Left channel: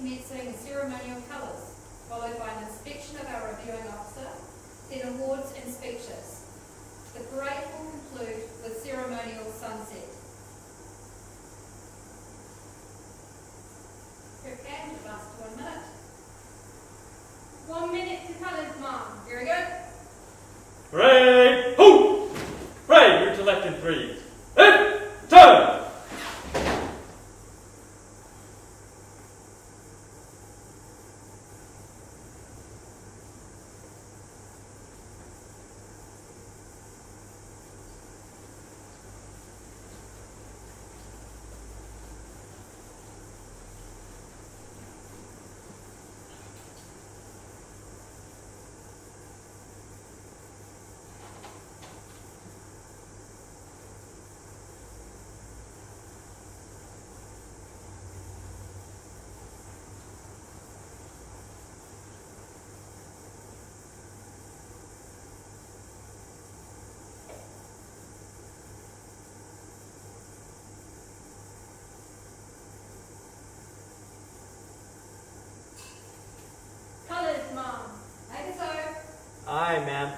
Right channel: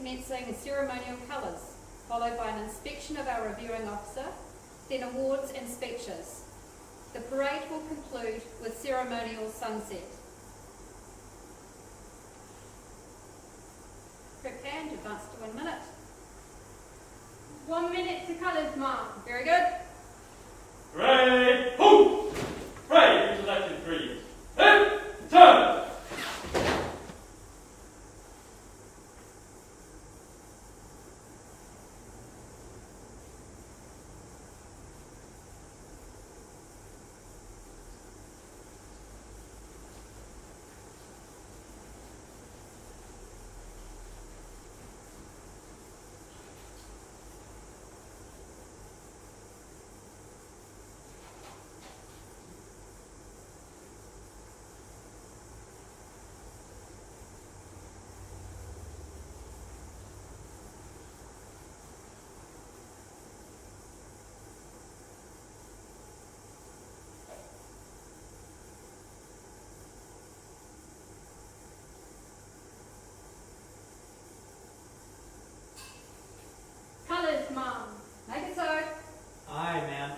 commencing ceremonial colours, followed by an inspection of our reviewing officer, then awards and speeches. The parade will conclude with ceremonial sunset. Quick band, advance to 1 minute. 1 minute to colours, Mom. Very good. Parade, ho! Parade, route to left in 3. Hit, turn! Colours, Mom. Make it so. Aye, ma'am.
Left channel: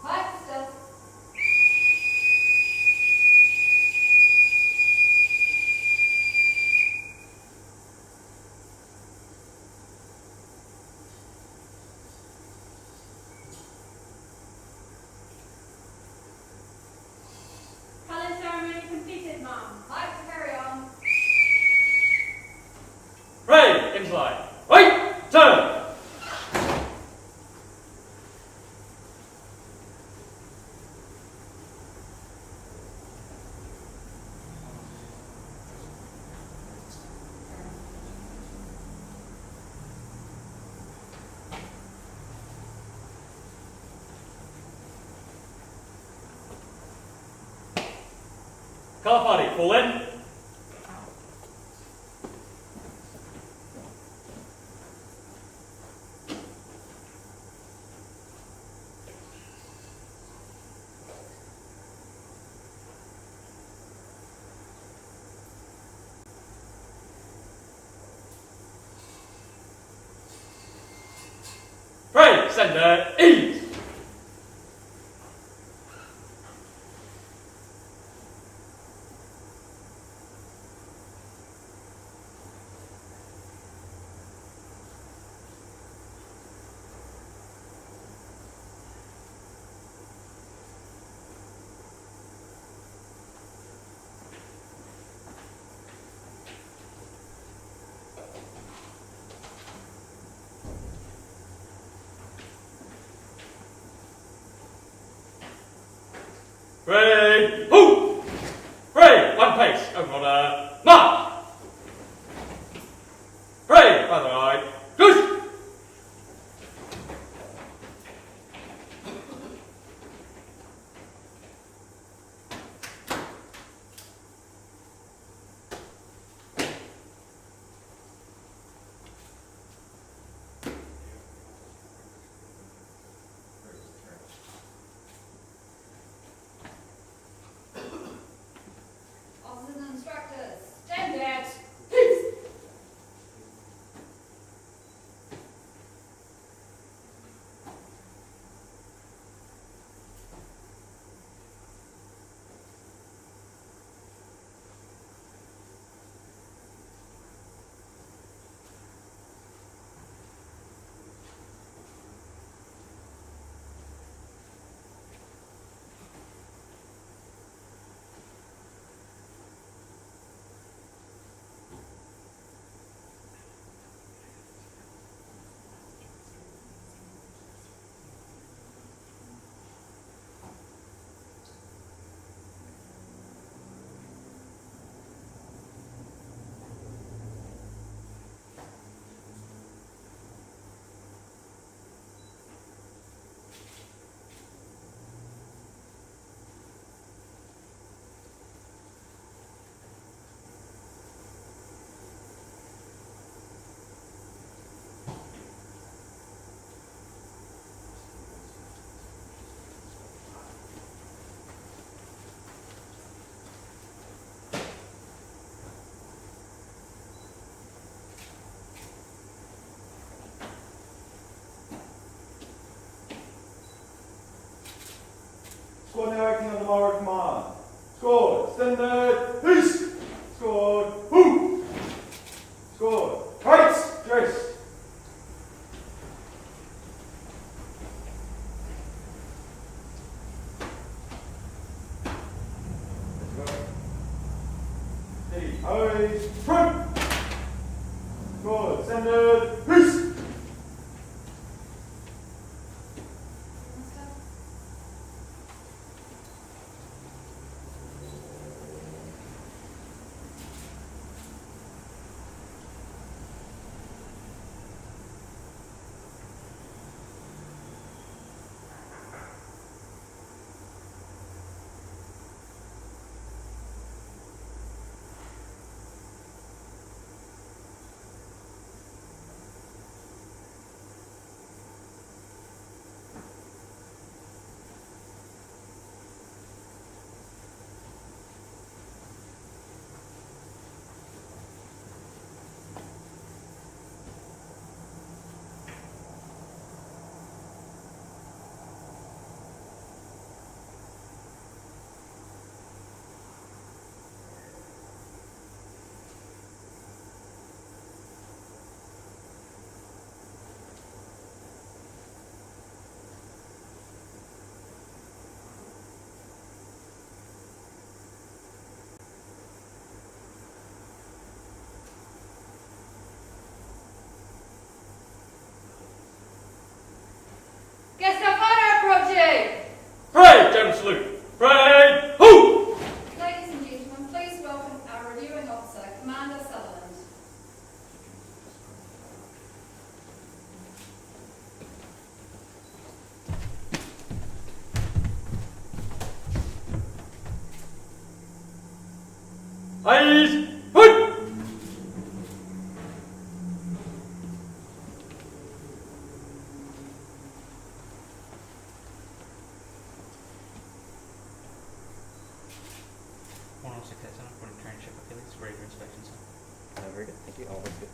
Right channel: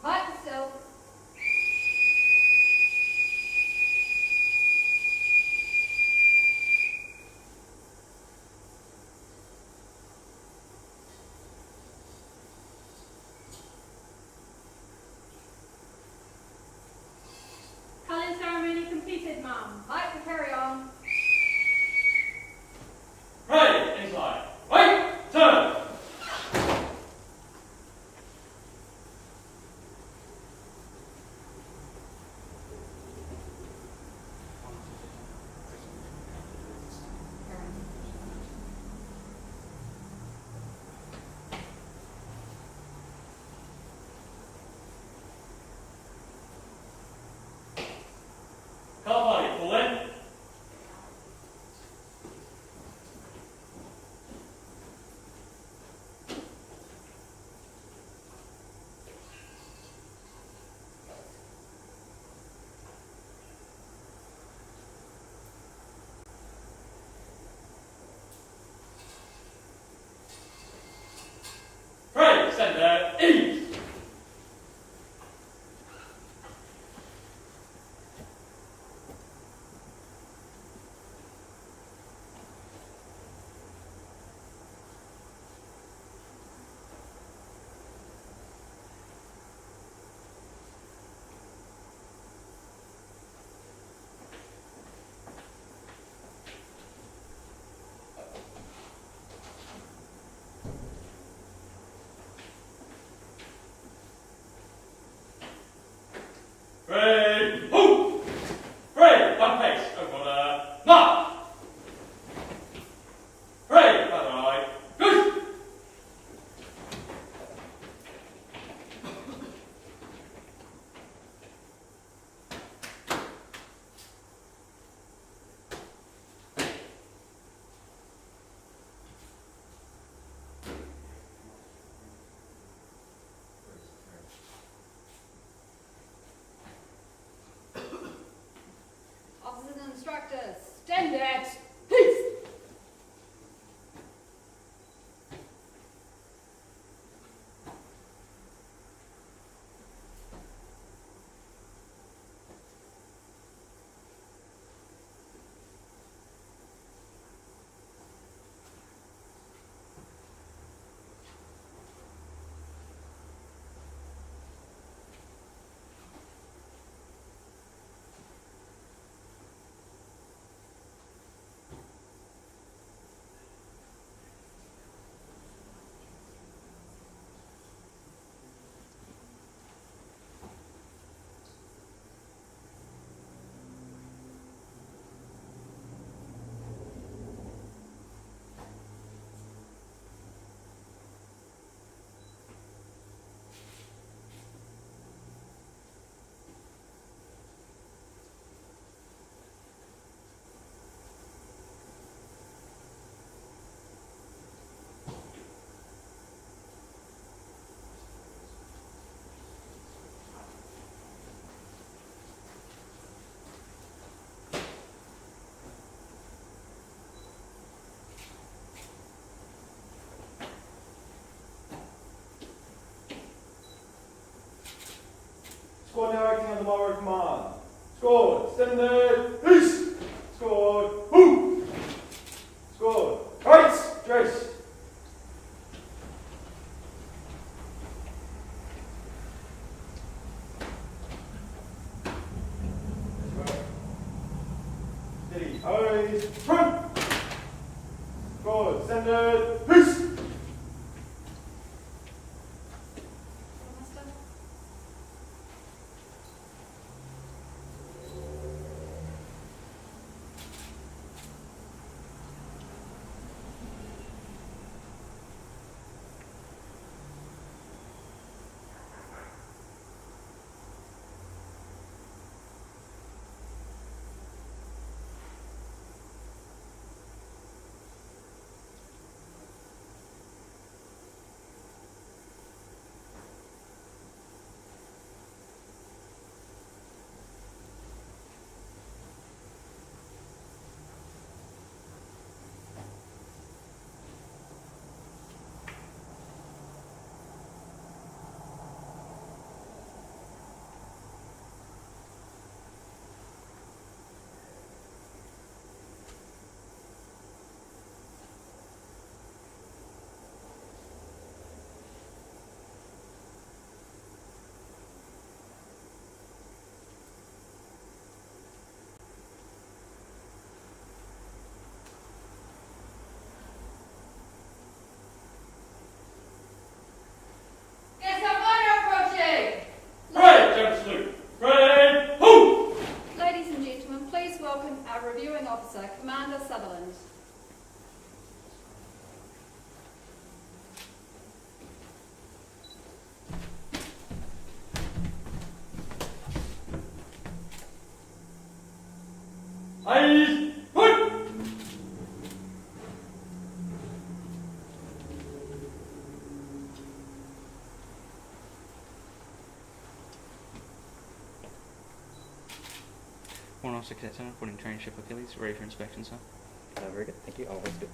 Pipe still. Colours ceremony completed, Mom. Pipe to carry on. Parade, incline. Right, turn! Colour party, pull in. Parade, centre, east. Send peace. Squad, who? Squad, rights, Jace. Steady, eyes, front. Squad, send peace. Salute. Parade, who? Ladies and gentlemen, please welcome our reviewing officer, Commander Sutherland. Eyes, put! One also cadet seven, putting train ship Achilles, ready for inspection, sir. Very good, thank you. Oh, that's good.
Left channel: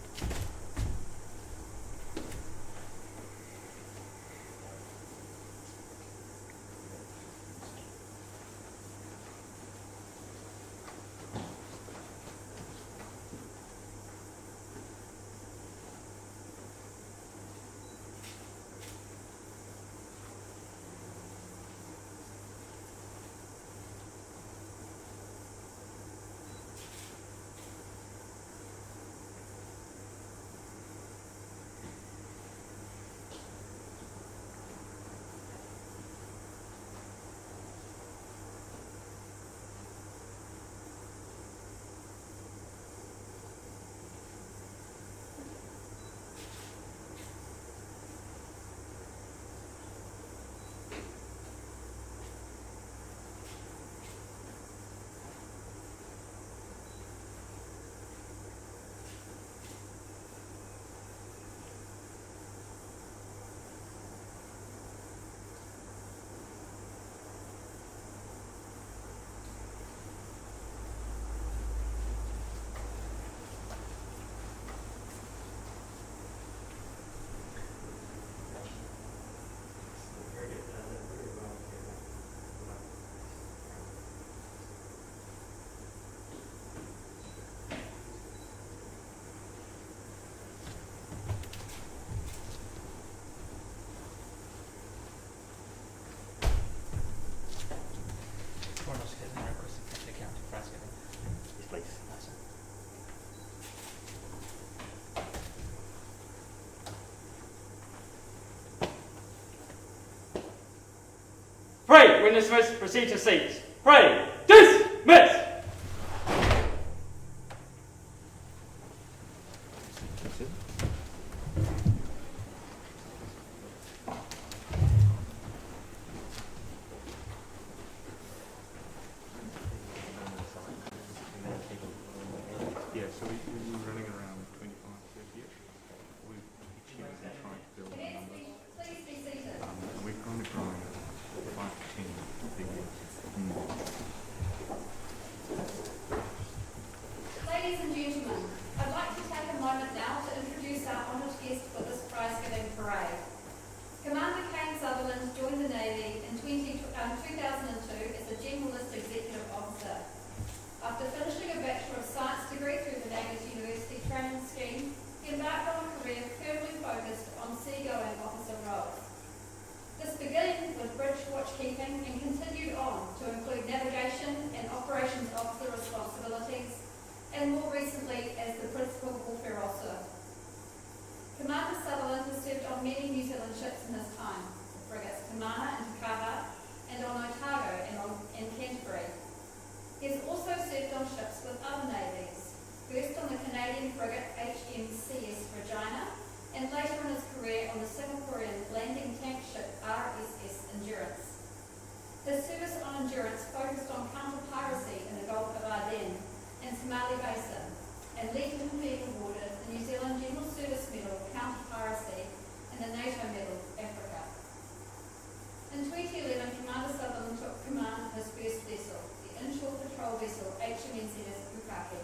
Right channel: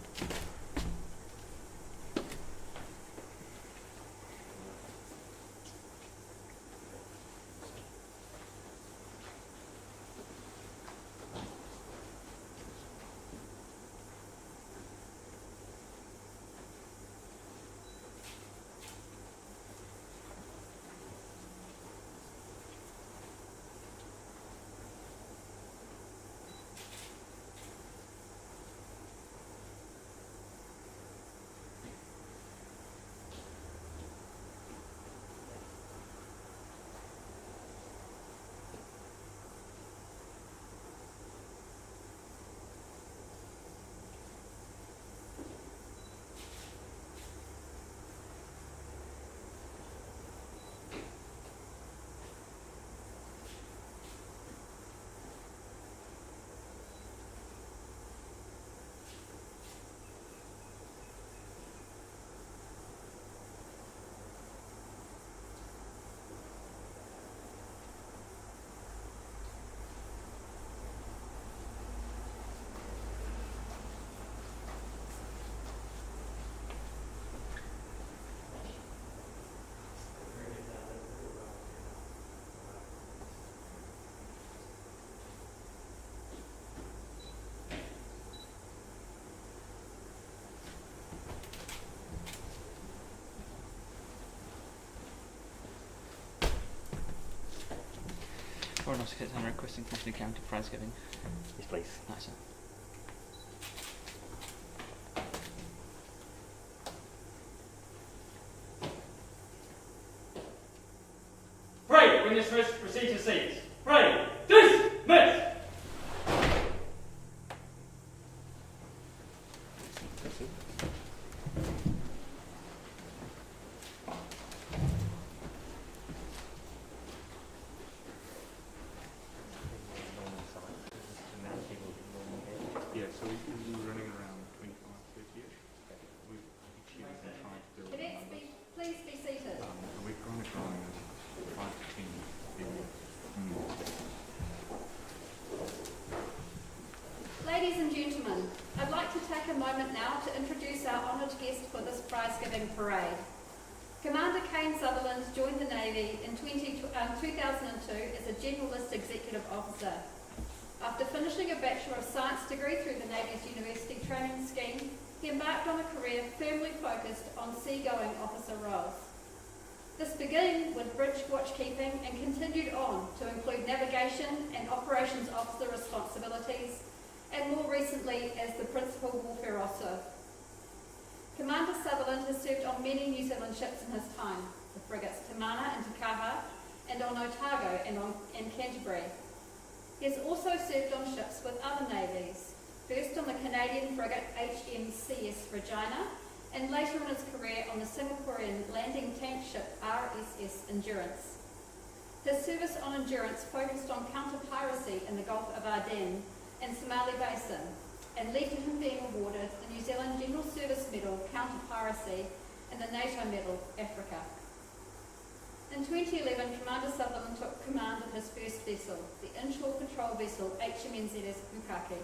One also cadet seven, requesting company county prize giving. Yes, please. Nice, sir. Pray, when dismissed, proceed to seats. Pray, dismiss! That's it. Yeah, so we were running around 25, 30-ish. We've each year we've been trying to build the Cadets, numbers, please be seated. and we've kind of growing at 5 to 10 a year. ongoing officer roles. This began with bridge watchkeeping and continued on to include navigation and operations officer responsibilities, and more recently as the principal warfare officer. Commander Sutherland has served on many New Zealand ships in his time, the frigates Tamana and Takaha, and on Otago and Canterbury. He has also served on ships with other navies, first on the Canadian frigate HMCS Regina, and later in his career on the Singaporean landing tank ship RSS Endurance. His service on Endurance focused on counter-piracy in the Gulf of Aden and Somali Basin, and led to him being awarded the New Zealand General Service Medal Counter-Piracy and the NATO Medal Africa. In 2011, Commander Sutherland took command of his first vessel, the inshore patrol vessel HMNZS Bukake.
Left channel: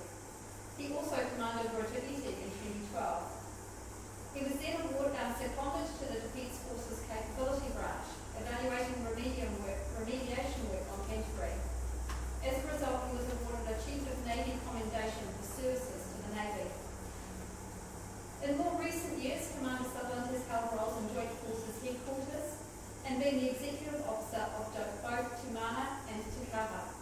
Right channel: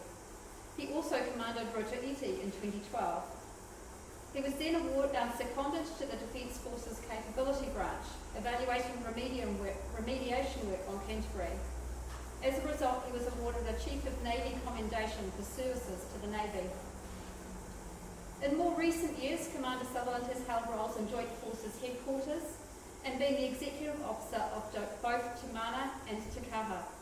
He also commanded Rotor Iti in 2012. He was then seconded to the Defence Forces Capability Branch, evaluating remediation work on Canterbury. As a result, he was awarded the Chief of Navy Commendation for services to the Navy. In more recent years, Commander Sutherland has held roles in Joint Forces Headquarters and been the Executive Officer of both Tamana and Takaha.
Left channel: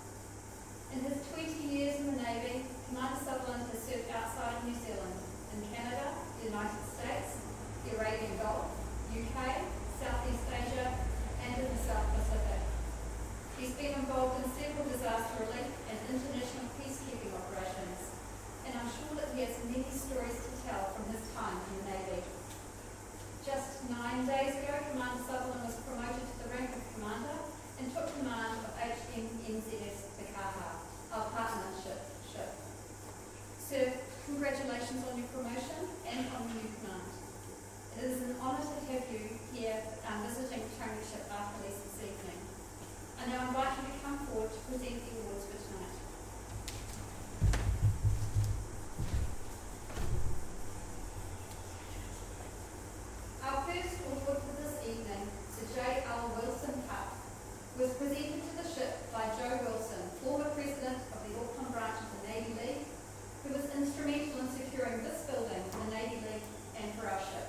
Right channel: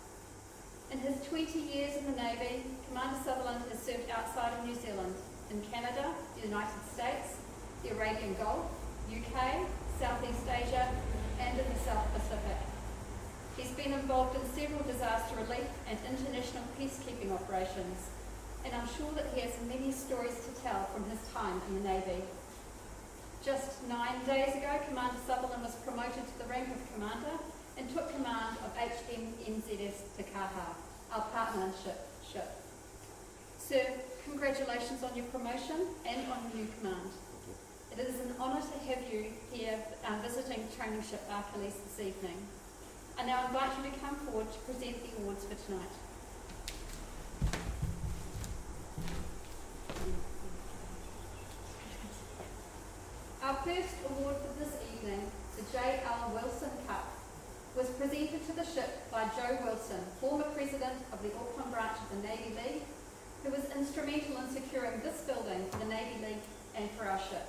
In his 20 years in the Navy, Commander Sutherland has served outside of New Zealand, in Canada, the United States, the Arabian Gulf, UK, Southeast Asia, and in the South Pacific. He's been involved in several disaster relief and international peacekeeping operations, and I'm sure that he has many stories to tell from his time in the Navy. Just 9 days ago, Commander Sutherland was promoted to the rank of Commander and took command of HMNZS Takaha, our partnership ship. Sir, congratulations on your promotion and on your new command. It is an honour to have you here visiting training ship Achilles this evening. I now invite you to come forward to present the awards for tonight. Our first award for this evening, the J.L. Wilson Cup, was presented to the ship by Joe Wilson, former president of the Auckland branch of the Navy League, who was instrumental in securing this building for the Navy League and for our ship.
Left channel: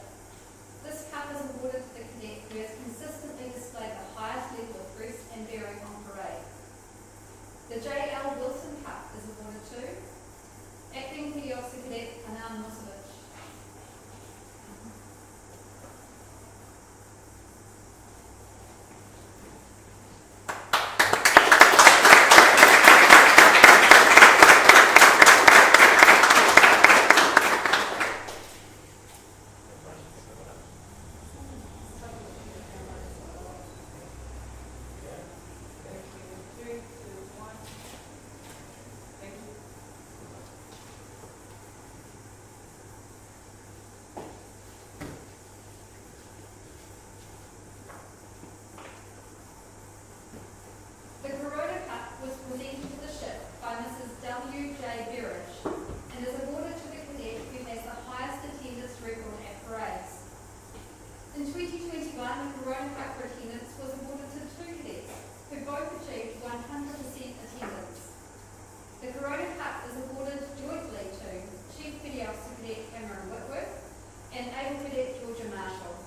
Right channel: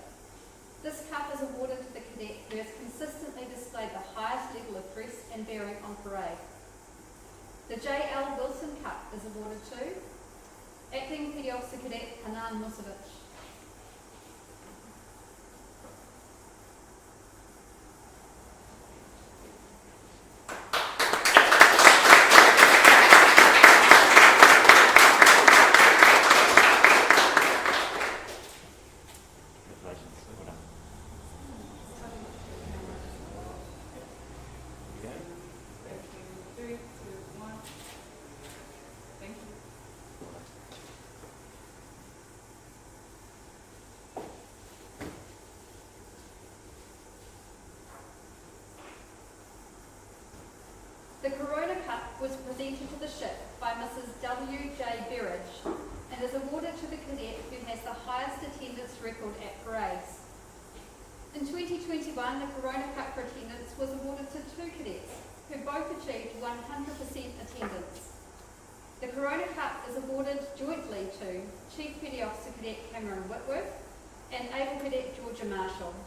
This cup is awarded to the cadet who has consistently displayed the highest level of dress and bearing on parade. The J.L. Wilson Cup is awarded to Acting Petty Officer Cadet Hanan Musovic. The Corona Cup was presented to the ship by Mrs. W.J. Berridge and is awarded to the cadet who has the highest attendance record at parades. In 2021, the Corona Cup for attendance was awarded to 2 cadets who both achieved 100% attendance. The Corona Cup is awarded jointly to Chief Petty Officer Cadet Cameron Whitworth and Able Cadet Georgia Marshall.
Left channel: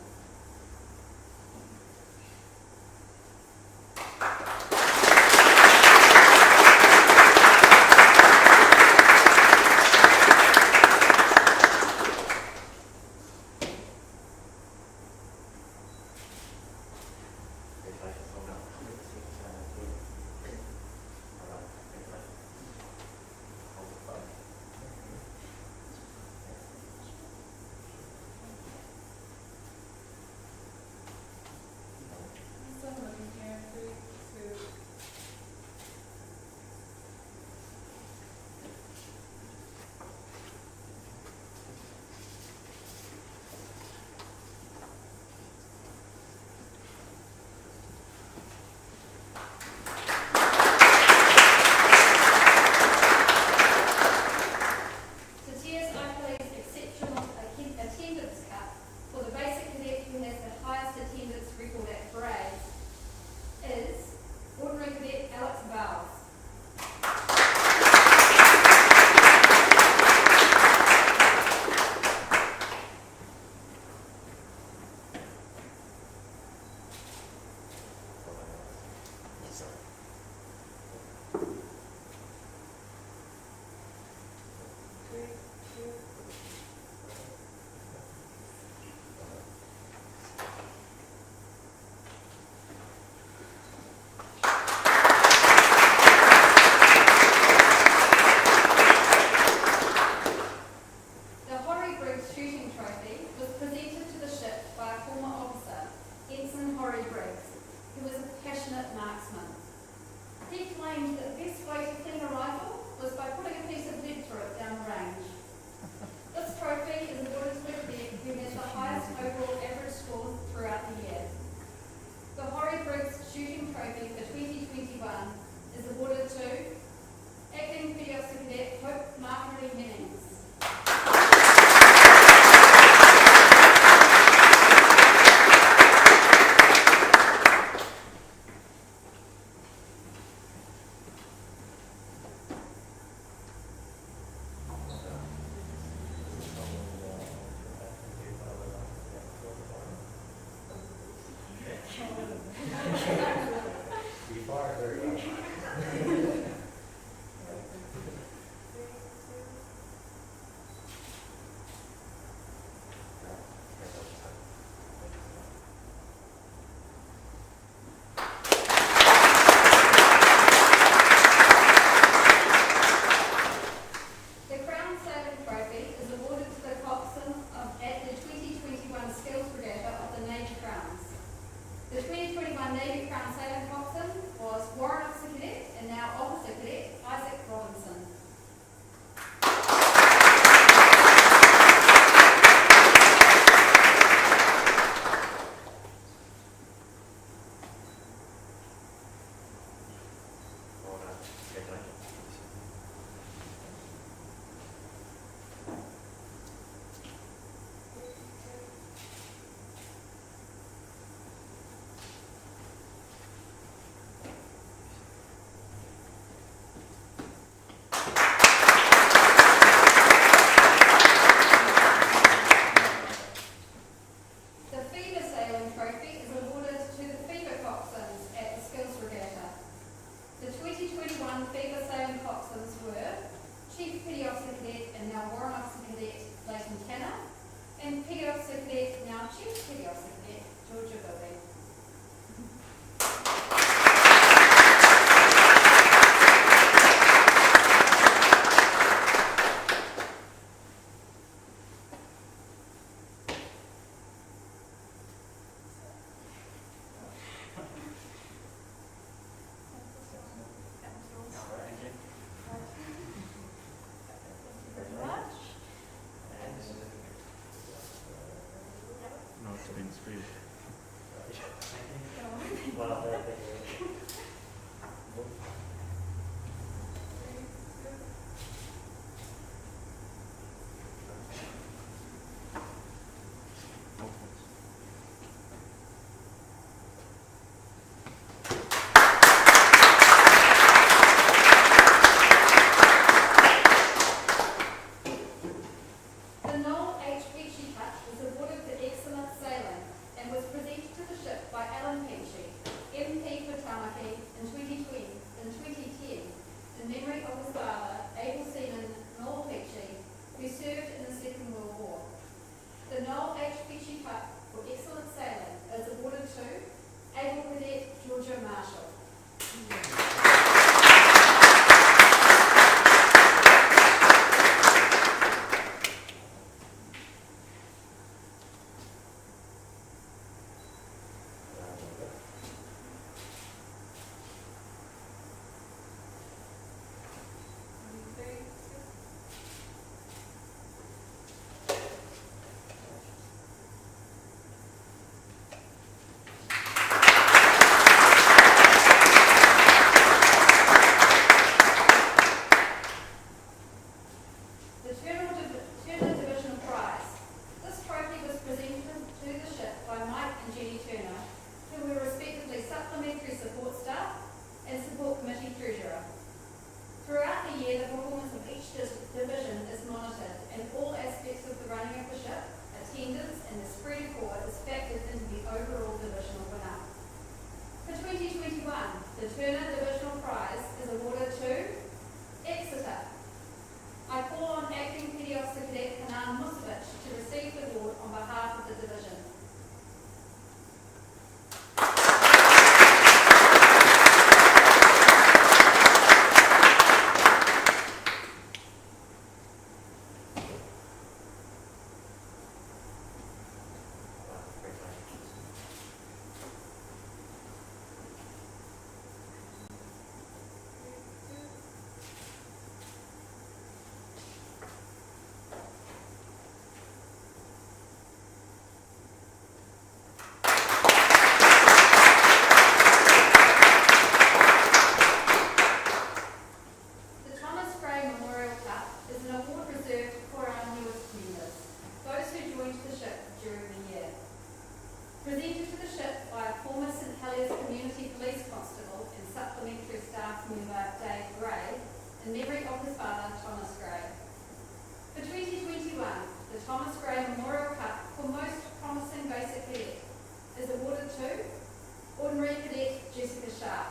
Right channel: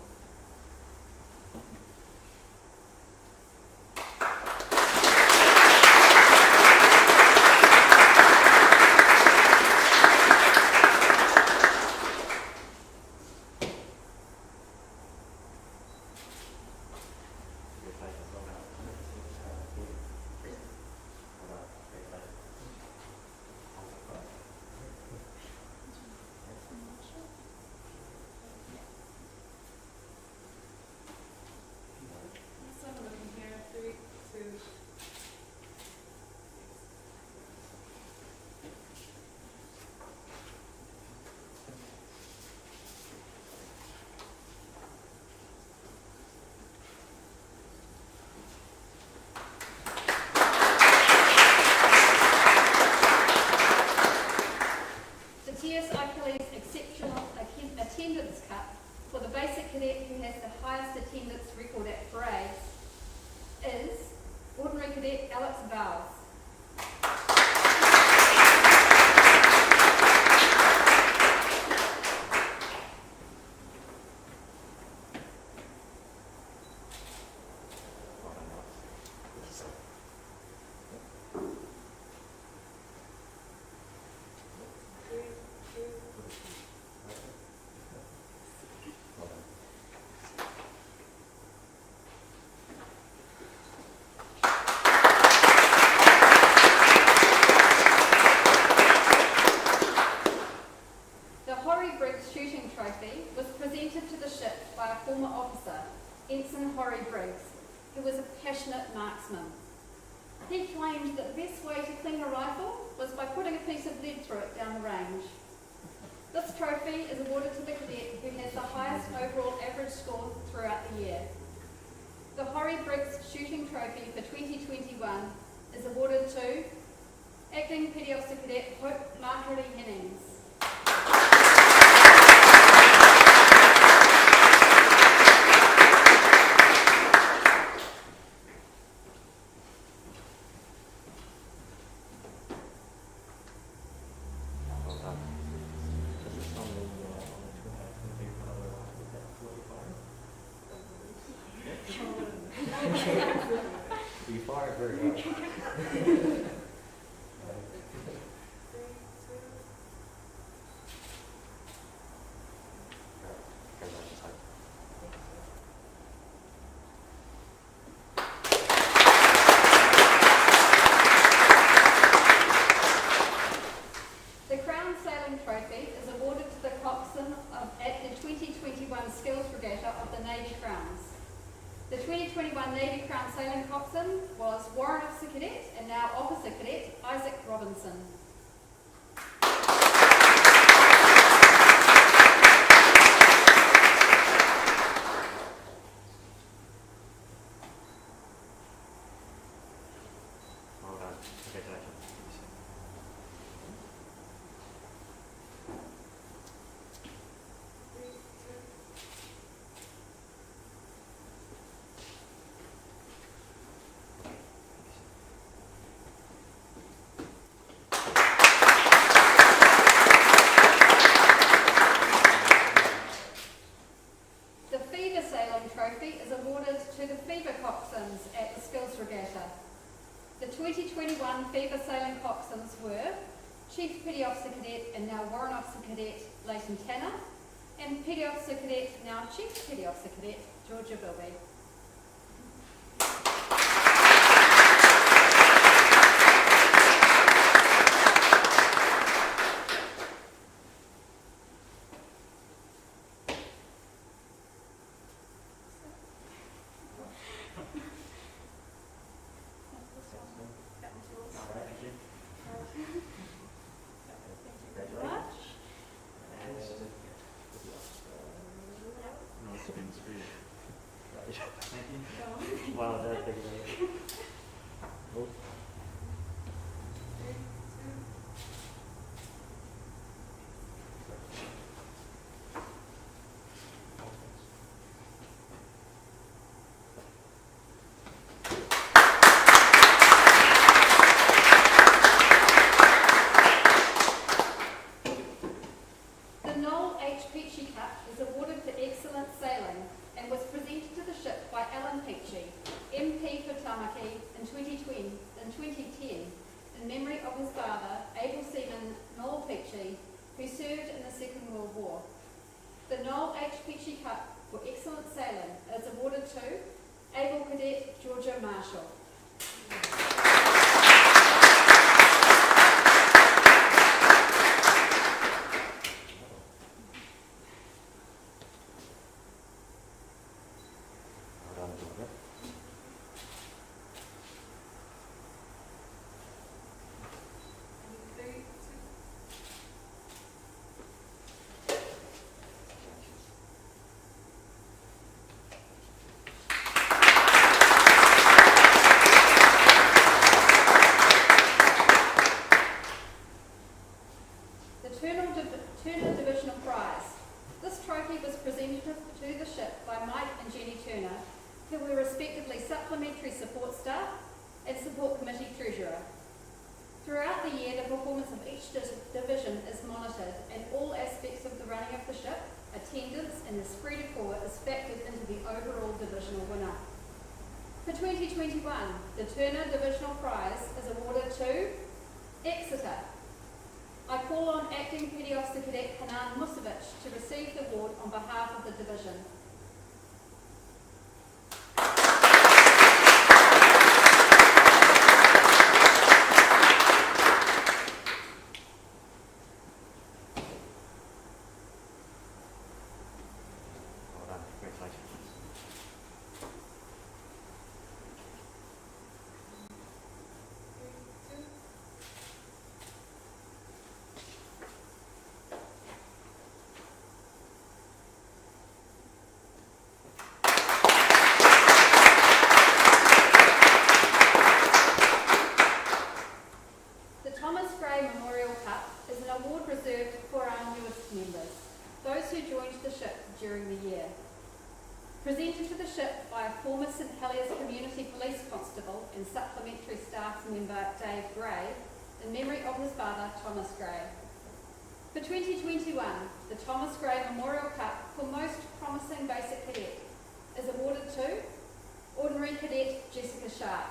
Horry Briggs, who was a passionate marksman. He claimed that the best way to clean a rifle was by putting a piece of lead through it down the range. This trophy is awarded to the cadet who has the highest overall average score throughout the year. The Horry Briggs Shooting Trophy for 2021 is awarded to Acting Petty Officer Cadet Hope Markery Hennings. No, it's been screwed. Well done. presented to the ship by a former St Heliers Community Police Constable and supplementary staff member Dave Gray, in memory of his father Thomas Gray. For 2021, the Thomas Gray Memorial Cup for Most Promising Basic Cadet is awarded to Ordinary Cadet Jessica Sharp.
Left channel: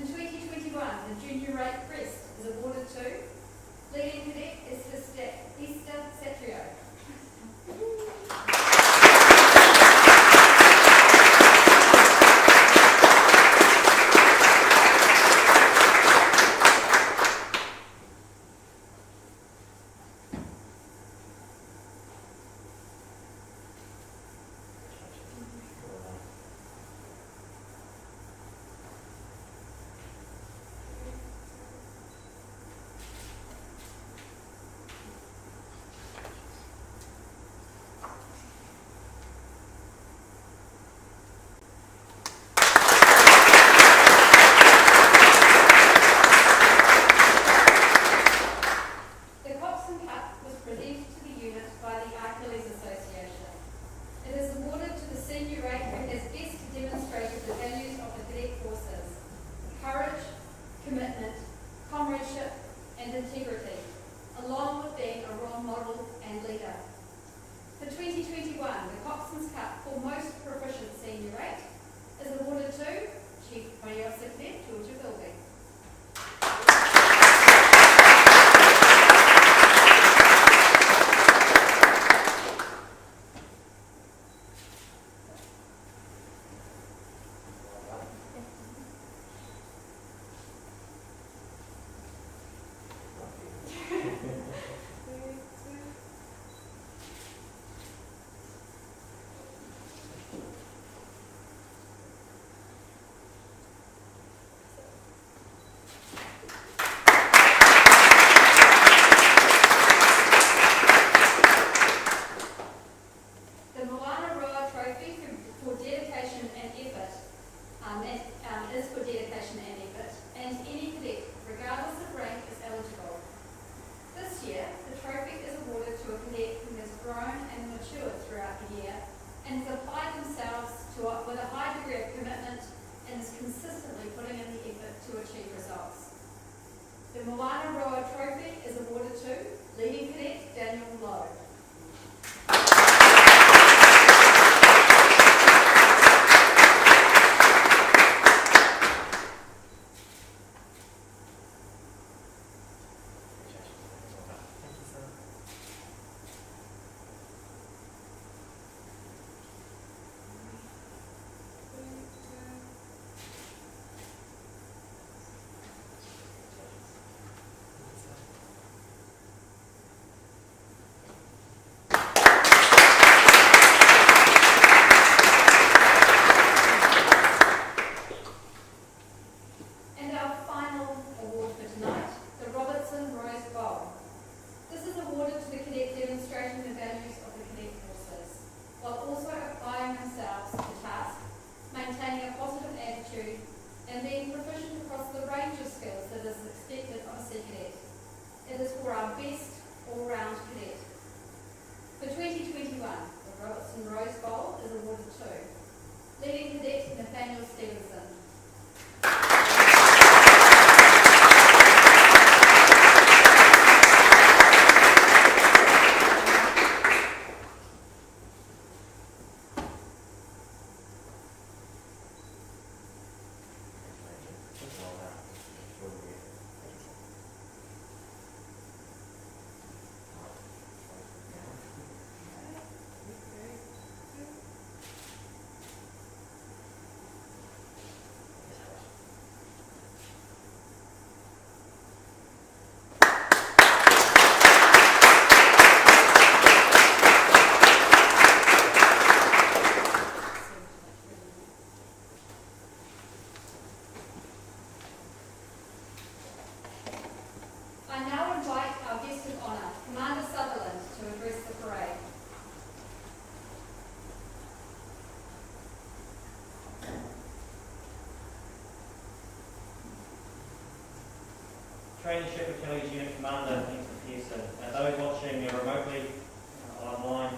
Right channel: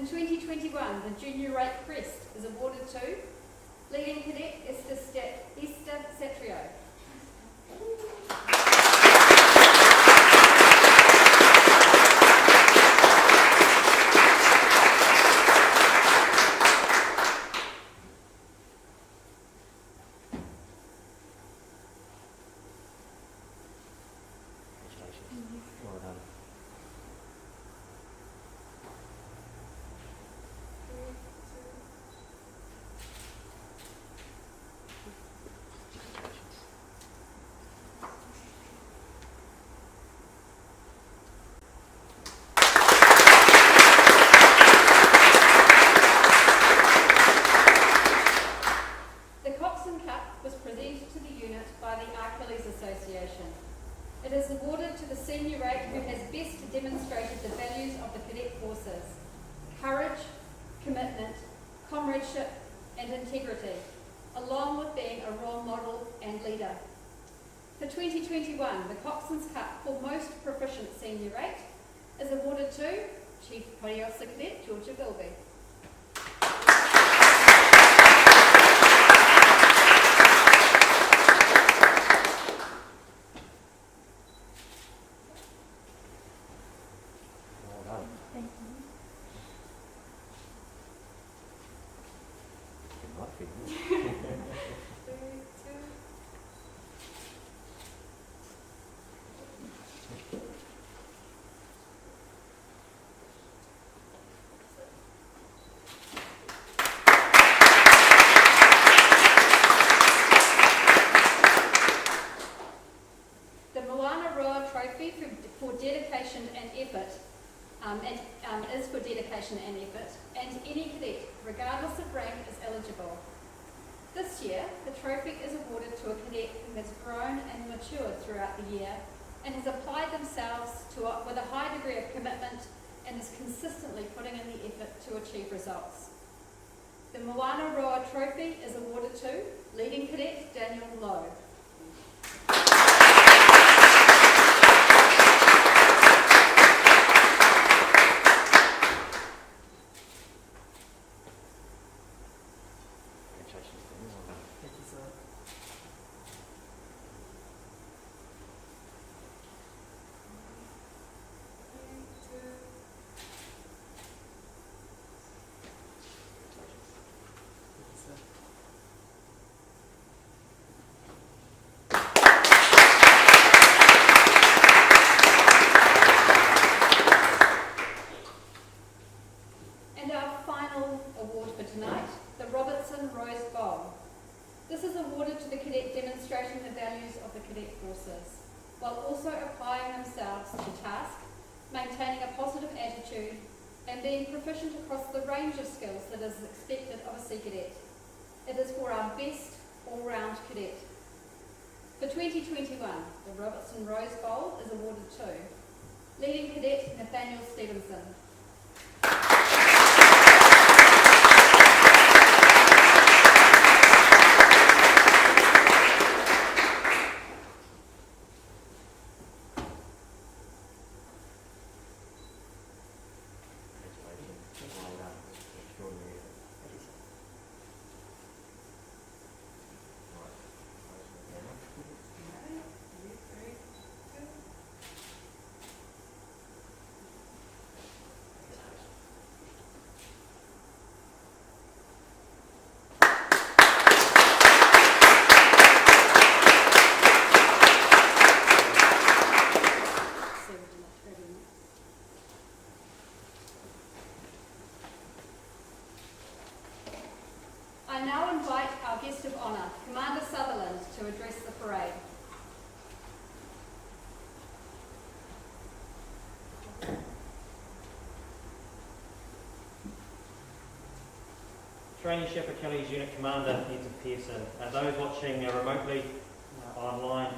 In 2021, the Junior Rate Crest is awarded to Leading Cadet Esther Satrio. It is awarded to the senior rate who has best demonstrated the values of the cadet forces: courage, commitment, comradeship and integrity, along with being a role model and leader. For 2021, the Coxswain's Cup for Most Proficient Senior Rate is awarded to Chief Party Officer Cadet Georgia Bilby. Is for dedication and effort, and any cadet, regardless of rank, is eligible. This year, the trophy is awarded to a cadet who has grown and matured throughout the year and has applied themselves with a high degree of commitment and is consistently putting in the effort to achieve results. The Moana Roa Trophy is awarded to Leading Cadet Daniel Lowe. While also applying themselves to the task, maintaining a positive attitude, and being proficient across the range of skills that is expected of a Sea Cadet. It is for our best all-round cadet. For 2021, the Robertson Rose Bowl is awarded to Leading Cadet Nathaniel Stevenson. Traineeship Achilles Unit Commander Peter Pearson, and those watching remotely online,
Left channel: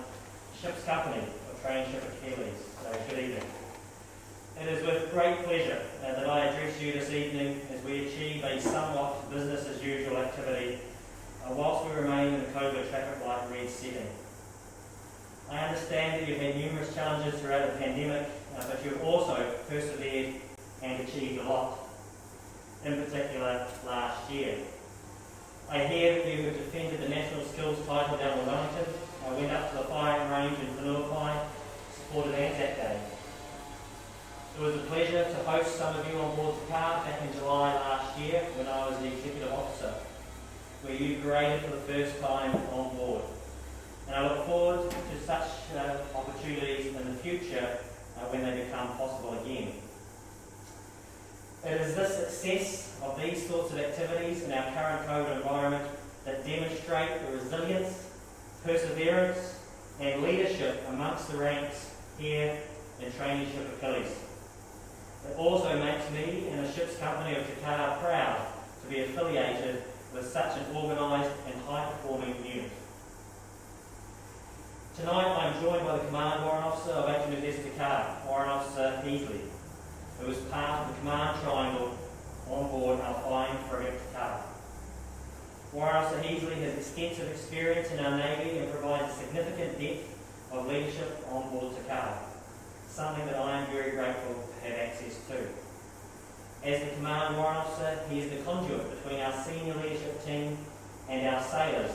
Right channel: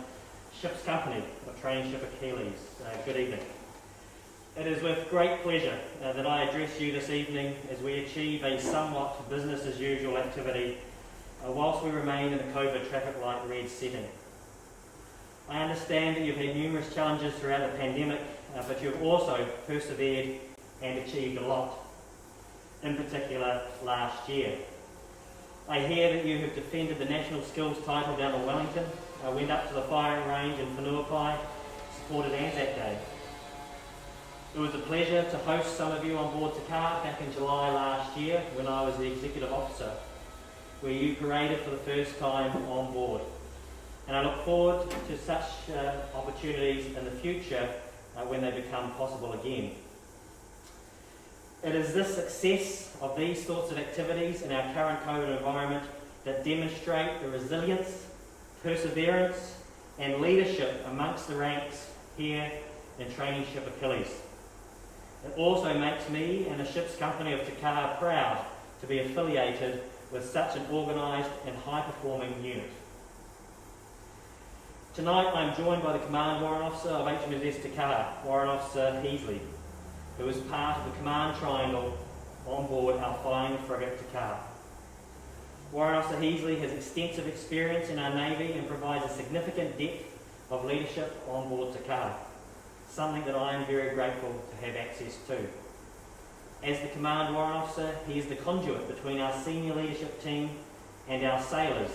Ship's Company of Traineeship Achilles, good evening. It is with great pleasure that I address you this evening as we achieve a somewhat business as usual activity whilst we remain in the COVID traffic light red setting. I understand that you've had numerous challenges throughout the pandemic, but you've also persevered and achieved a lot, in particular last year. I hear that you have defended the National Skills title down in Wellington, went up to the firing range in Whenuapai, supported Anzac Day. It was a pleasure to host some of you on board the car back in July last year when I was the executive officer, where you paraded for the first time on board. And I look forward to such opportunities in the future when they become possible again. It is this success of these sorts of activities in our current COVID environment that demonstrate the resilience, perseverance and leadership amongst the ranks here in Traineeship Achilles. It also makes me and the Ship's Company of Takar proud to be affiliated with such an organised and high-performing unit. Tonight I am joined by the Command Warrant Officer of HMS Takar, Warrant Officer Heasley, who is part of the Command Triangle on board our flying frigate Takar. Warrant Officer Heasley has extensive experience in our Navy and provides a significant depth of leadership on board Takar, something that I am very grateful to have access to. As the Command Warrant Officer, he is the conduit between our senior leadership team and our sailors,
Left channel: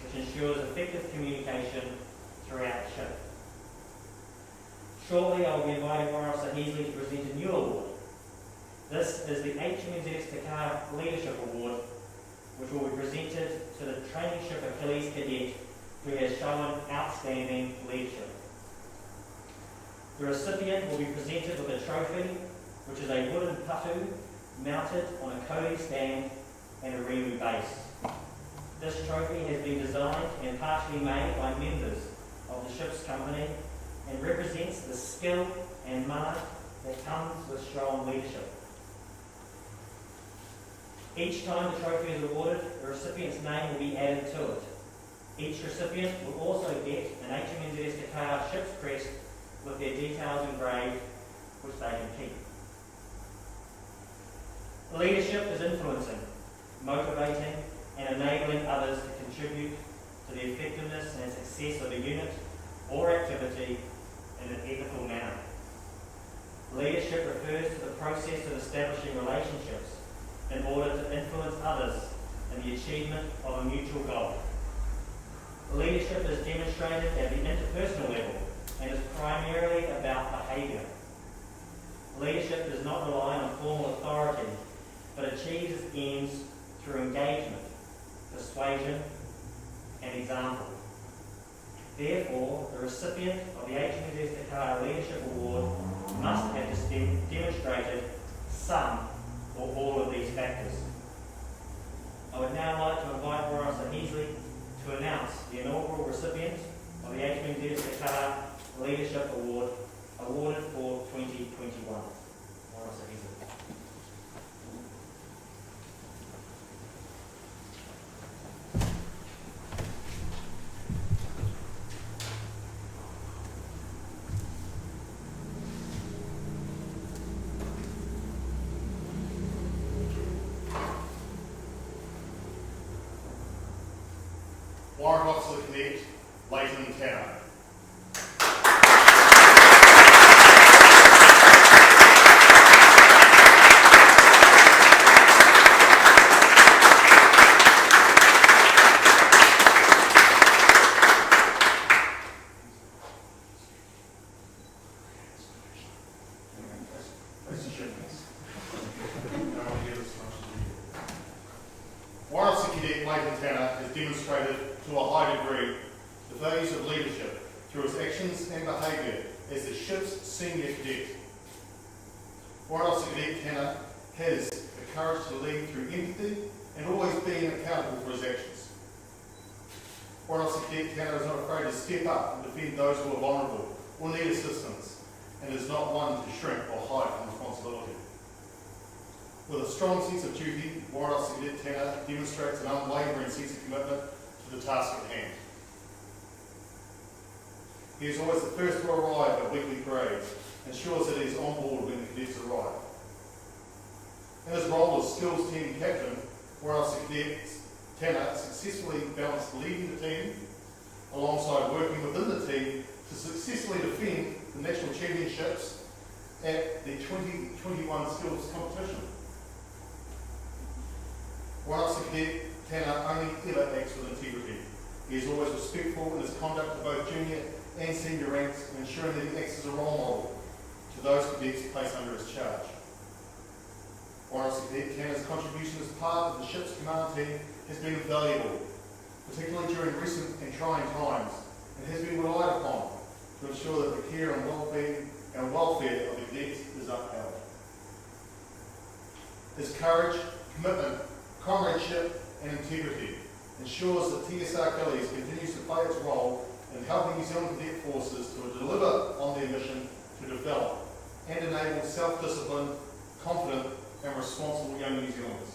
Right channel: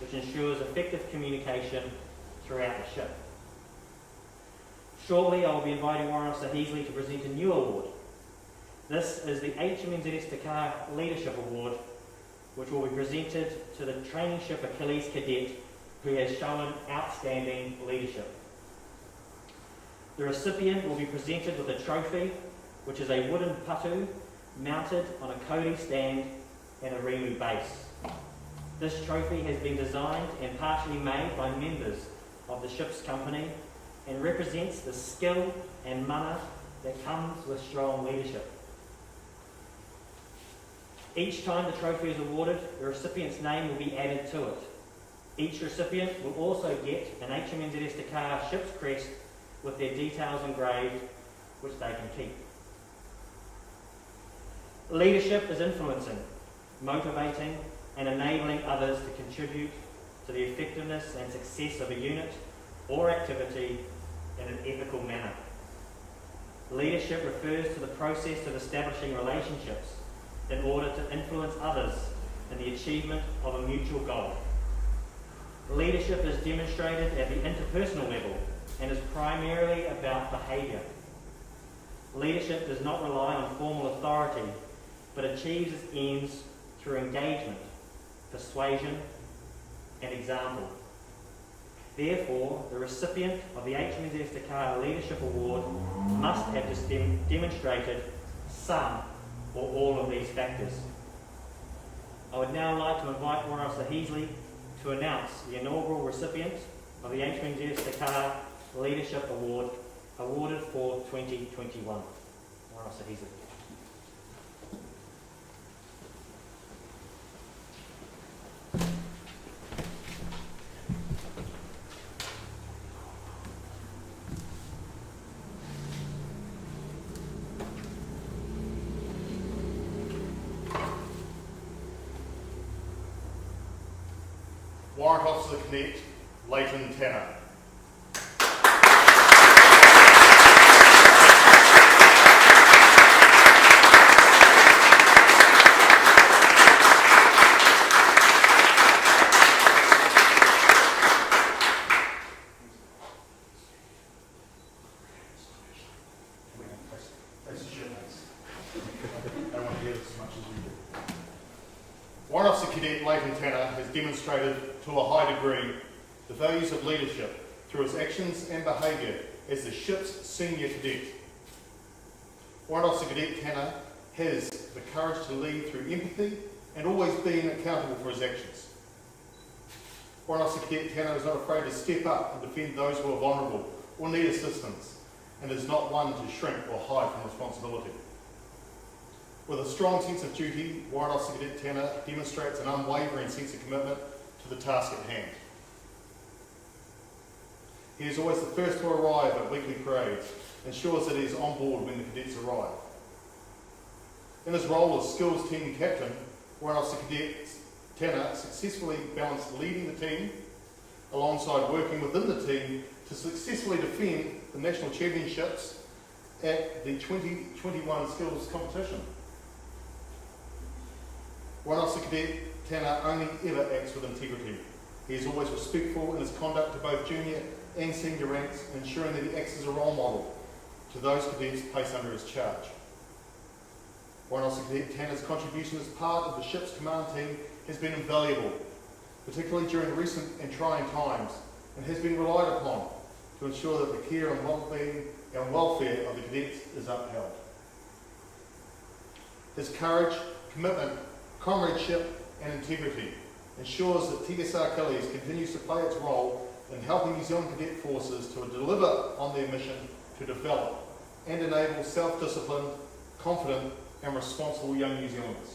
which ensures effective communication throughout the ship. Shortly, I will be inviting Warrant Officer Heasley to present a new award. This is the HMNZS Takar Leadership Award, which will be presented to the Traineeship Achilles cadet who has shown outstanding leadership. The recipient will be presented with a trophy, which is a wooden patu mounted on a Cody stand and a Remu base. This trophy has been designed and partially made by members of the Ship's Company and represents the skill and mana that comes with strong leadership. Each time the trophy is awarded, the recipient's name will be added to it. Each recipient will also get an HMNZS Takar ship's crest with their details engraved, which they can keep. Leadership is influencing, motivating and enabling others to contribute to the effectiveness and success of a unit or activity in an ethical manner. Leadership refers to the process of establishing relationships in order to influence others in the achievement of a mutual goal. Leadership is demonstrated at the interpersonal level and is primarily about behaviour. Leadership does not rely on formal authority, but achieves its ends through engagement, persuasion and example. Therefore, the recipient of the HMS Takar Leadership Award must have demonstrated some or all of these factors. I would now like to invite Warrant Officer Heasley to announce the inaugural recipient of the HMS Takar Leadership Award awarded for 2021. Warrant Officer Heasley. Warrant Officer Cadet Leighton Tanner. Warrant Officer Cadet Leighton Tanner has demonstrated to a high degree the values of leadership through his actions and behaviour as the ship's senior cadet. Warrant Officer Cadet Tanner has the courage to lead through empathy and always being accountable for his actions. Warrant Officer Cadet Tanner is not afraid to step up and defend those who are vulnerable or need assistance, and is not one to shrink or hide from responsibility. With a strong sense of duty, Warrant Officer Cadet Tanner demonstrates an unwavering sense of commitment to the task at hand. He is always the first to arrive at weekly parades, ensures that he is on board when the cadets arrive. In his role as skills team captain, Warrant Officer Cadet Tanner successfully balanced leading the team alongside working within the team to successfully defend the national championships at the 2021 skills competition. Warrant Officer Cadet Tanner only ever acts with integrity. He is always respectful in his conduct to both junior and senior ranks, ensuring that he acts as a role model to those cadets placed under his charge. Warrant Officer Cadet Tanner's contribution as part of the ship's command team has been invaluable, particularly during recent and trying times, and has been relied upon to ensure that the care and well-being and welfare of the cadets is upheld. His courage, commitment, comradeship and integrity ensures that TSR Achilles continues to play its role in helping New Zealand Cadet Forces to deliver on their mission to develop and enable self-disciplined, confident and responsible young New Zealanders.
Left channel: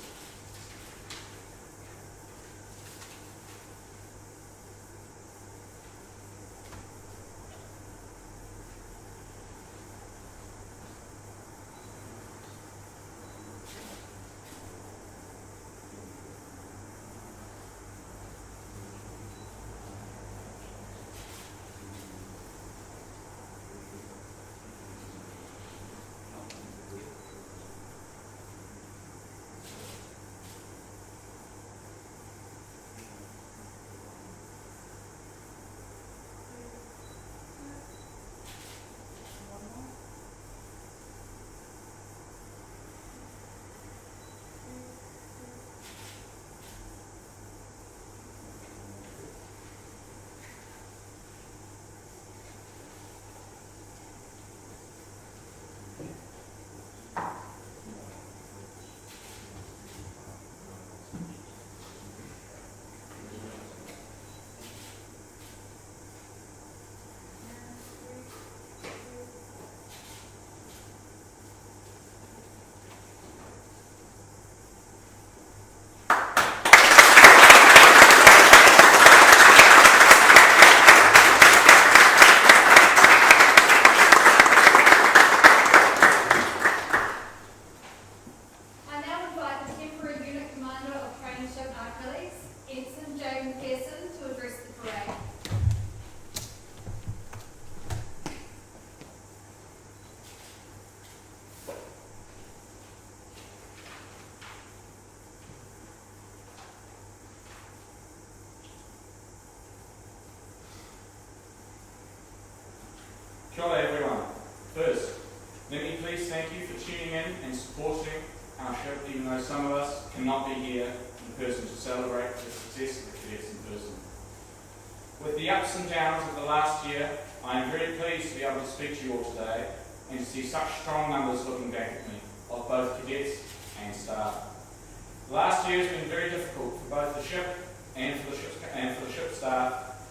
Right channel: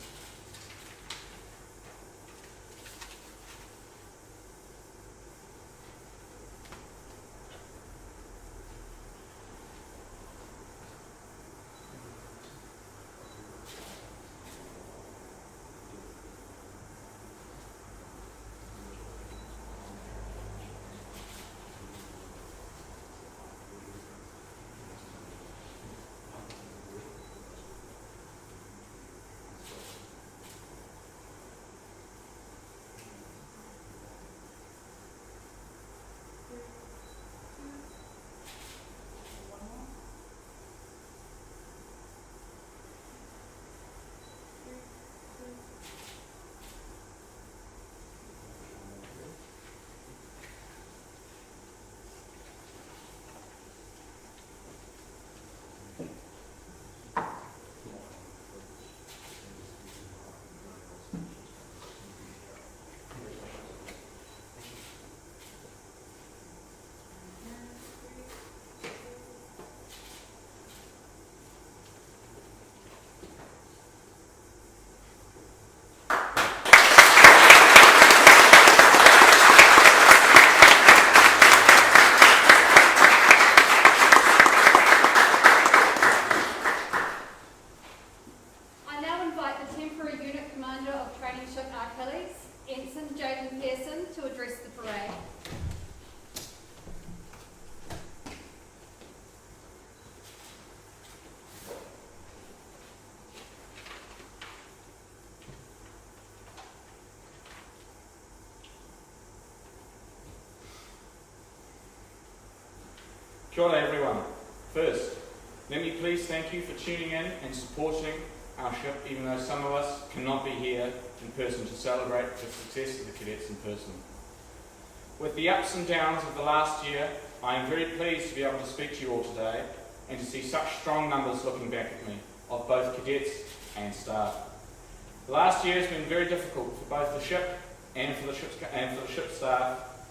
Kia ora everyone. First, let me please thank you for tuning in and supporting our ship, even though some of us cannot be here in person to celebrate the success of the cadets in person. With the ups and downs of the last year, I am very pleased to be able to speak to you all today and to see such strong numbers looking back at me, of both cadets and staff. The last year has been very difficult for both the ship and for the ship staff.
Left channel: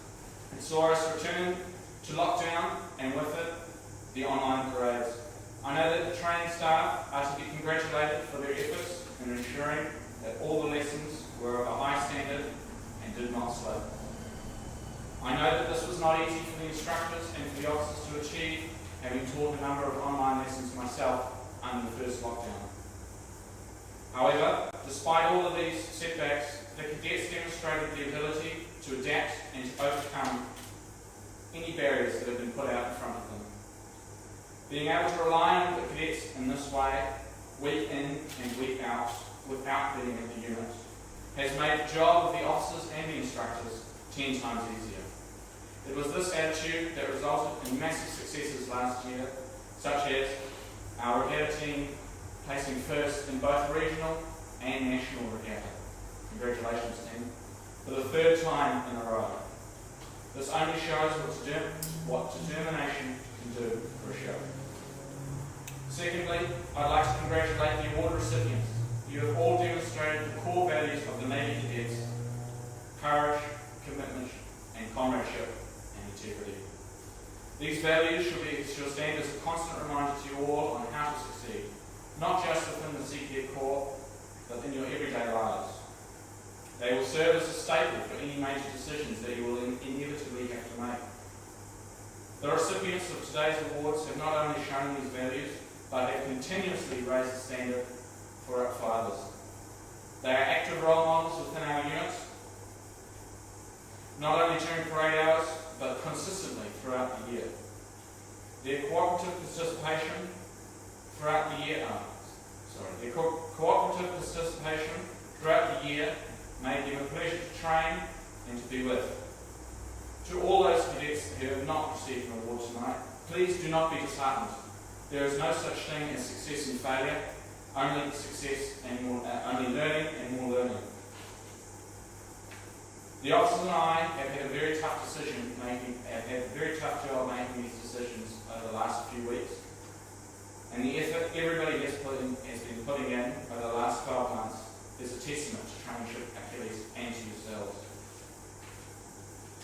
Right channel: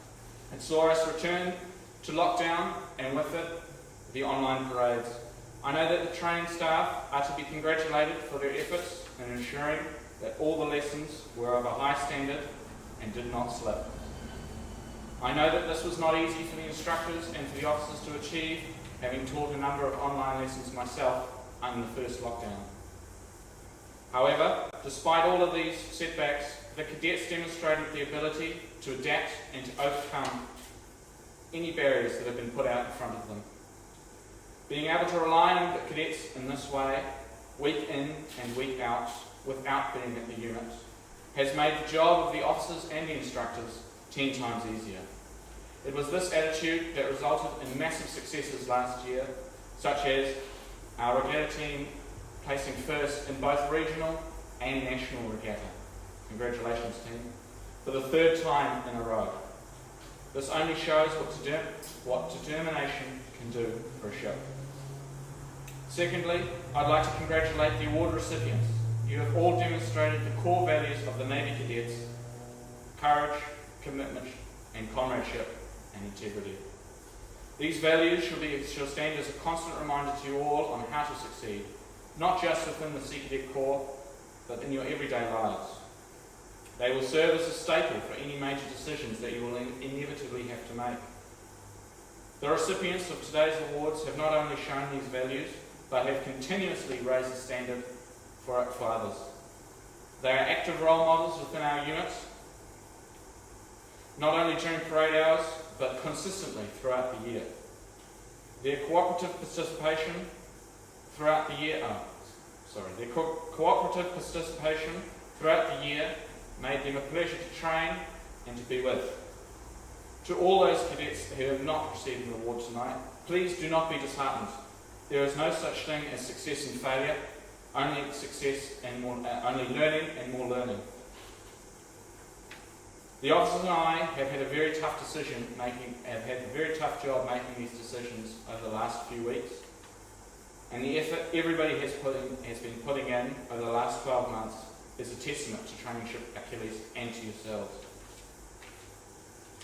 It saw us return to lockdown and with it, the online parades. I know that the training staff are to be congratulated for their efforts in ensuring that all the lessons were of a high standard and did not slip. I know that this was not easy for the instructors and for the officers to achieve, having taught a number of online lessons myself under the first lockdown. However, despite all of these setbacks, the cadets demonstrated the ability to adapt and to overcome any barriers that have been put out in front of them. Being able to rely on the cadets in this way, week in and week out, without being in the unit, has made the job of the officers and the instructors 10 times easier. It was this attitude that resulted in massive successes last year, such as our regatta team placing first in both regional and national regatta. Congratulations, team, for the 3rd time in a row. This only shows what determination can do for a ship. Secondly, I'd like to congratulate the award recipients. You have all demonstrated the core values of the Navy cadets: courage, commitment, and comradeship and integrity. These values shall stand as a constant reminder to you all on how to succeed, not just within the CPF core, but in your everyday lives. They will serve as a staple for any major decisions that you will inevitably have to make. The recipients of today's awards have not only shown these values, but have continuously raised the standard for others. They are active role models within our units, not only during parade hours, but consistently throughout the year. Their cooperative participation throughout the year, made them a pleasure to train and to be with. To all those cadets who have not received an award tonight, please do not be disheartened. There is no such thing as success and failure, only success and only learning and more learning. The officers and I have had a very tough job making these decisions over the last few weeks, and the effort everybody has been putting in over the last 12 months is a testament to Traineeship Achilles and to yourselves.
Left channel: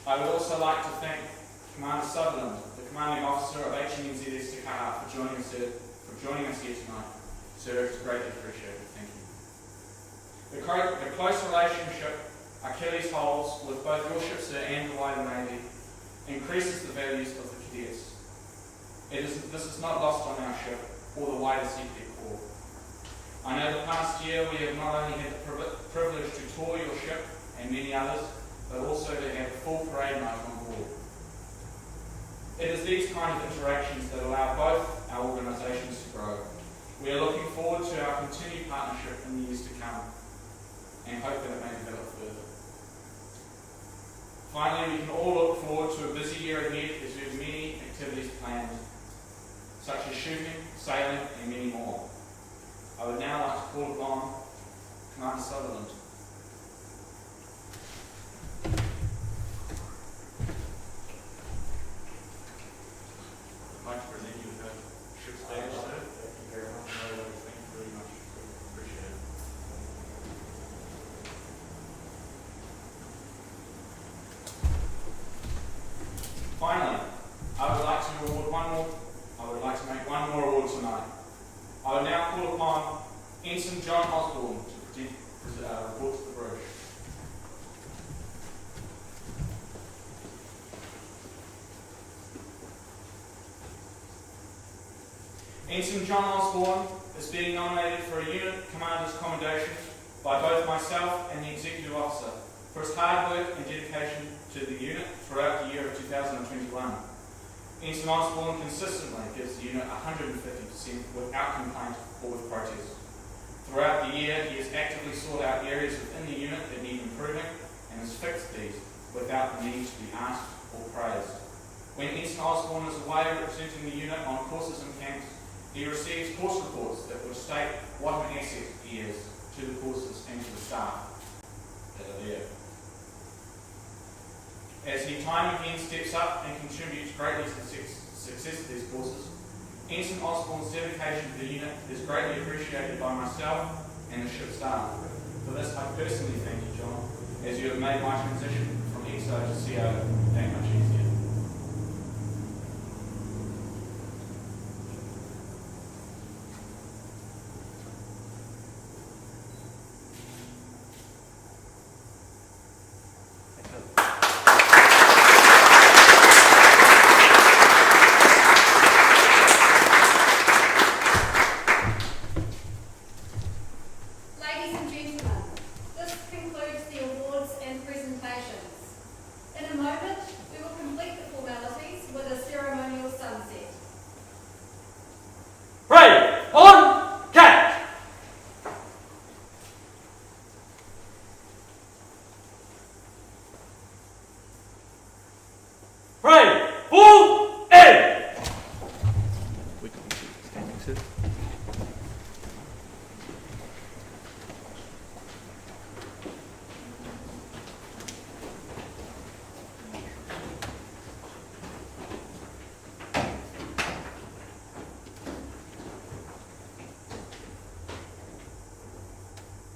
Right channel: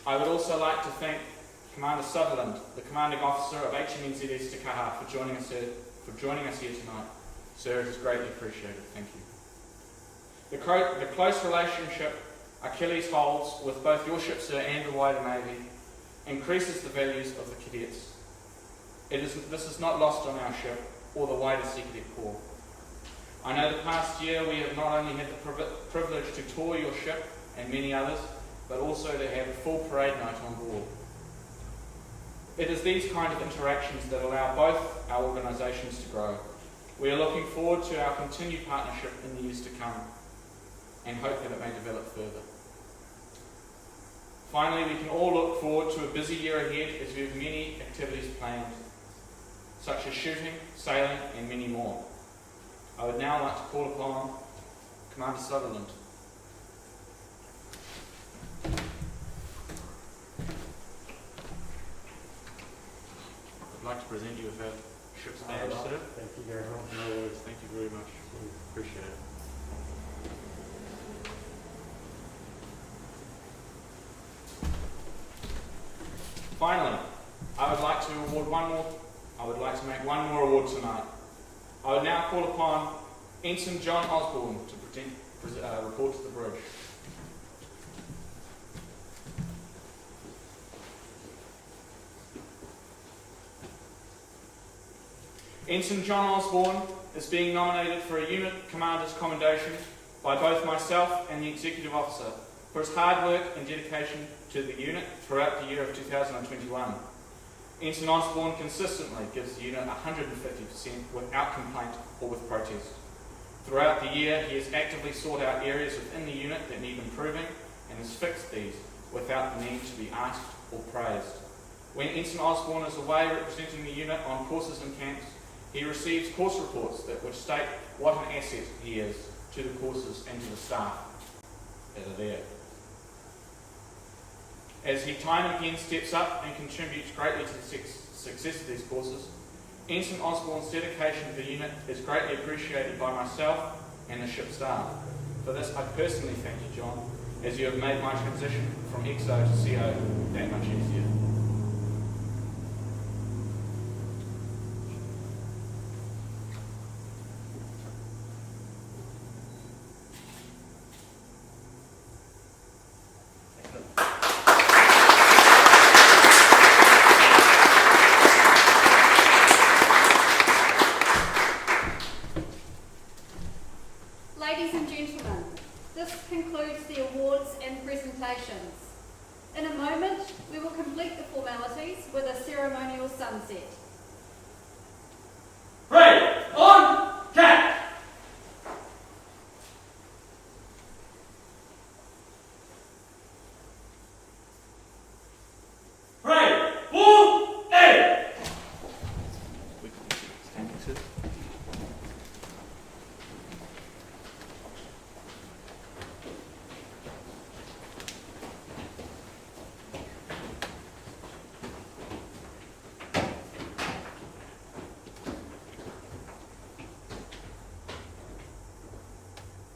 I would also like to thank Commander Sutherland, the commanding officer of HMNZS Te Kaha, for joining us here tonight. Sir, it is greatly appreciated. Thank you. The close relationship Achilles holds with both your ship, sir, and the wider Navy increases the values of the cadets. This is not lost on our ship or the wider CPF Corps. I know the past year we have not only had the privilege to tour your ship and many others, but also to have a full parade night on board. It is these kind of interactions that allow both our organisations to grow. We are looking forward to our continued partnership in the years to come and hope that it may develop further. Finally, we can all look forward to a busy year ahead as we have many activities planned, such as shooting, sailing and many more. I would now like to call upon Commander Sutherland. I'd like to present you with a ship's badge, sir. Thank you very much. No worries, thank you very much. Appreciate it. Finally, I would like to make one more award tonight. I would now call upon Ensign John Osborne to report to the bridge. Ensign John Osborne is being nominated for a unit commander's commendation by both myself and the executive officer for his hard work and dedication to the unit throughout the year of 2021. Ensign Osborne consistently gives the unit 150% without complaint or with protest. Throughout the year, he has actively sought out areas within the unit that need improving and has fixed these without the need to be asked or praised. When Ensign Osborne is away representing the unit on courses and camps, he receives course reports which state what an asset he is to the courses and to the staff that are there. As he time again steps up and contributes greatly to the success of these courses, Ensign Osborne's dedication to the unit is greatly appreciated by myself and the ship staff. For this, I personally thank you, John, as you have made my transition from XO to CO that much easier. Ladies and gentlemen, this concludes the awards and presentations. In a moment, we will complete the formalities with a ceremonial sunset. Parade on cat! Parade full air! We can keep standing, sir.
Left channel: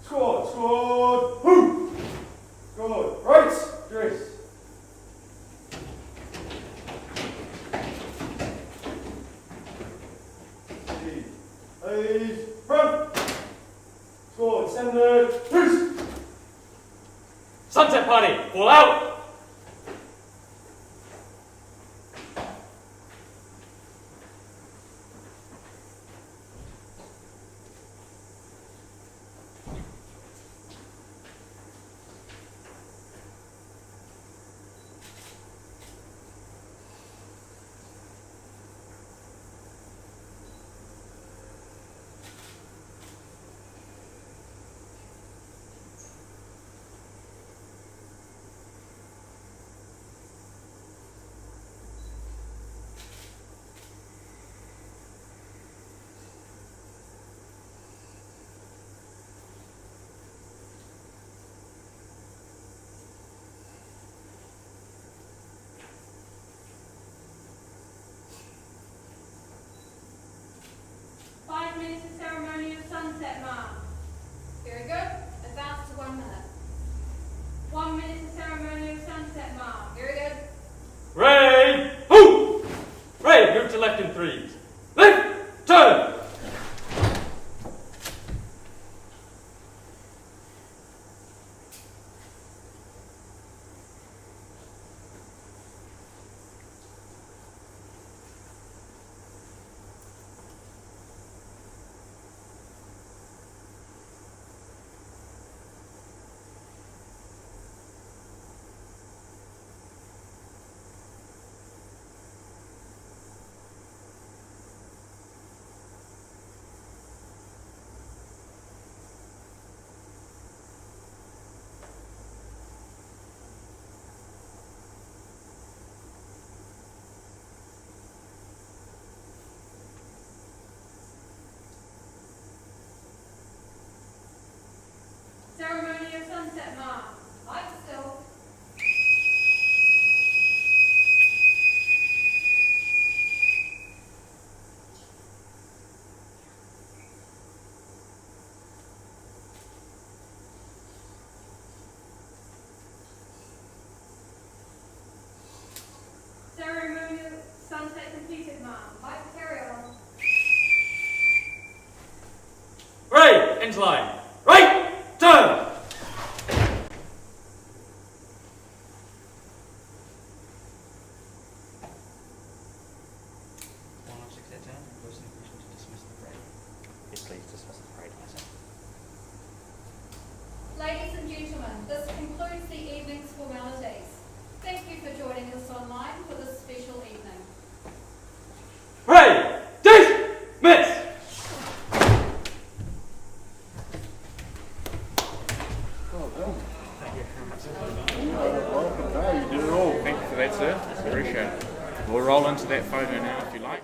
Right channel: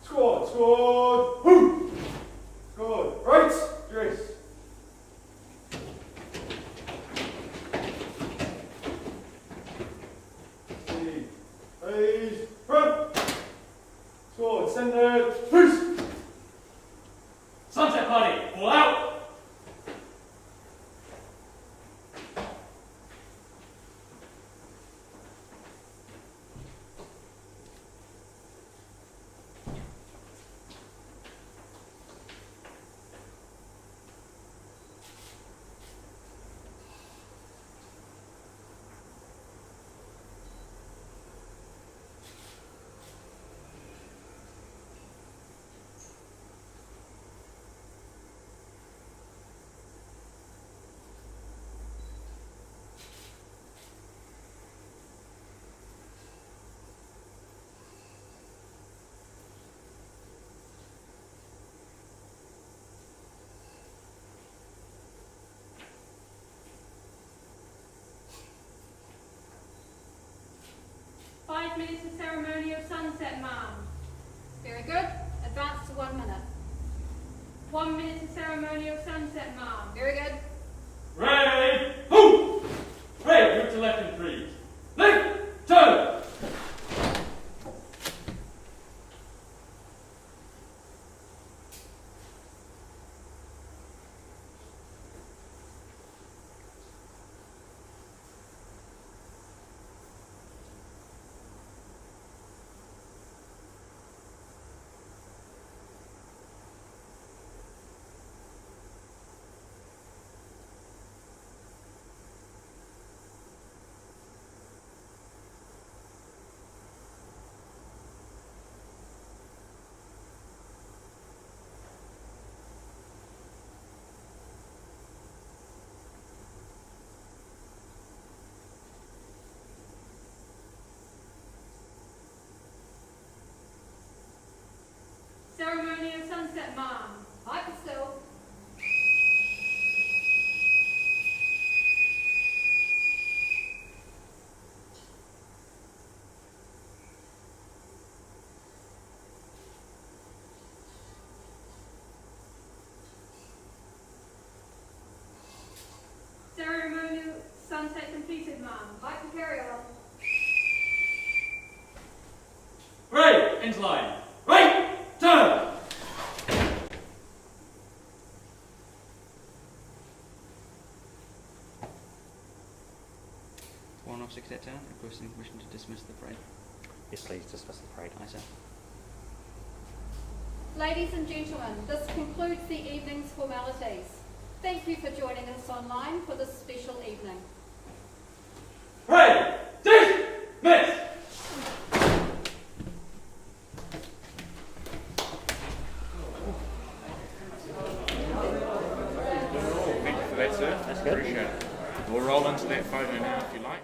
Squad, who? Squad, right, dress. Please, pray. Standard freeze! Sunset party, all out! Five minutes of ceremonial sunset, ma'am. Very good. Advance to 1 minute. 1 minute of ceremonial sunset, ma'am. Very good. Ray, who? Ray, move to left in 3. Left, turn! Ceremonial sunset, ma'am. Pipe still. Ceremonial sunset completed, ma'am. Pipe carry on. Ray, into line. Right, turn! One officer cadet down, requesting permission to dismiss the parade. Yes, please dismiss the parade. Aye, sir. Ladies and gentlemen, this concludes the evening's formalities. Thank you for joining us online for this special evening. Ray, dismiss! Thank you for that, sir. Appreciate it. We'll roll into that photo now if you like.